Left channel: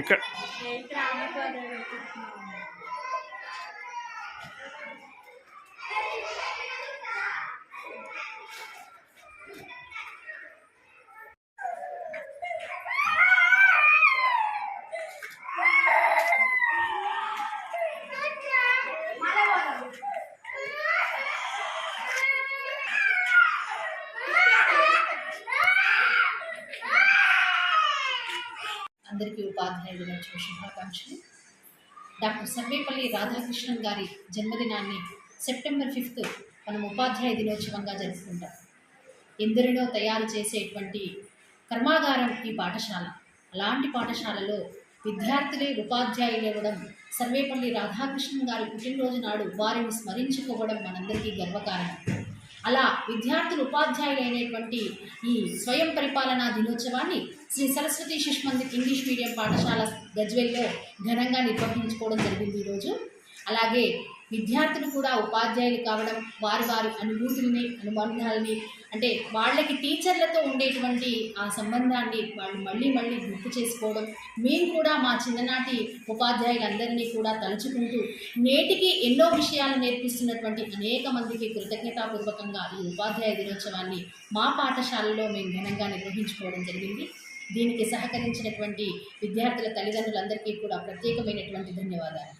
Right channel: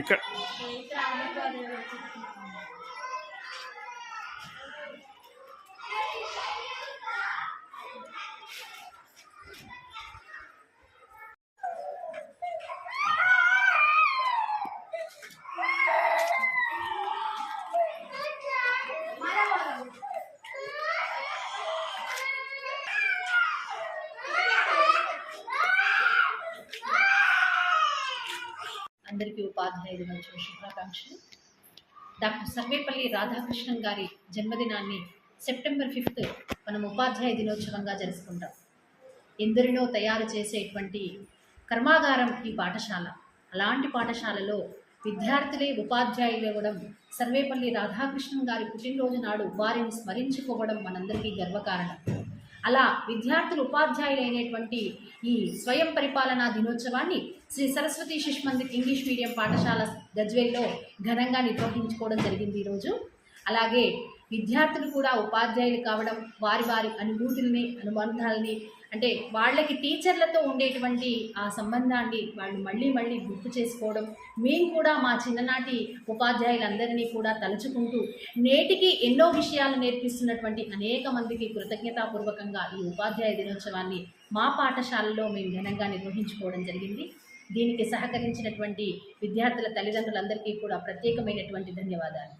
ఇక్కడ అందరికీ ఉపాధ్యాయ దినోత్సవ శుభాకాంక్షలు. డాక్టర్ సర్వేపల్లి రాధాకృష్ణన్ గారి జన్మదినాన్ని సెప్టెంబర్ 5 మనం ఉపాధ్యాయ దినోత్సవంగా జరుపుకుంటాం. ఎందరినో తయారు చేసేటువంటి కర్మాగారం ఈ పాఠశాల. అలాంటి పాఠశాలలో విద్యార్థులే ఉపాధ్యాయులు ఇవ్వడం, సర్వేపల్లి రాధాకృష్ణన్ గారి పుట్టినరోజు నాడు వారిని స్మరించుకోవడం మనందరికీ గర్వకారణం. అలా విద్యార్థులు ఉపాధ్యాయులైనటువంటి ఈ స్వయం పరిపాలనా దినోత్సవాన్ని శ్రీ సరస్వతి శిశు మందిర్ ఇంగ్లీష్ మీడియం పాఠశాల గజ్వేల్లో ఘనంగా నిర్వహించుకోవడం జరిగింది ఈరోజు. అలాగే విద్యార్థులు కూడా ఉపాధ్యాయులు కావడం, వారి వారి అనుభూతుల్ని, అనుబంధాలని, అంటే వాళ్ళకి టీచర్లతో ఉండేటువంటి ఆ సంబంధాన్ని వాళ్ళు మళ్ళీ మళ్ళీ గుర్తు చేసుకోవడం, మేము కూడా మా చిన్ననాటి ఉపాధ్యాయులందరినీ కూడా తలుచుకుంటూ నేటికి ఎన్నో విషయాలు నేర్పిస్తున్నటువంటి అనేక మందికి కృతజ్ఞతాపూర్వకంగా ఈ ఉపాధ్యాయ దినోత్సవాన్ని మా పాఠశాలలో మేము ఘనంగా నిర్వహించుకోవడం జరిగింది. దీనికి సహకరించినటువంటి విద్యార్థుల తల్లిదండ్రులందరికీ కూడా ప్రత్యేకమైనటువంటి ధన్యవాదాలు.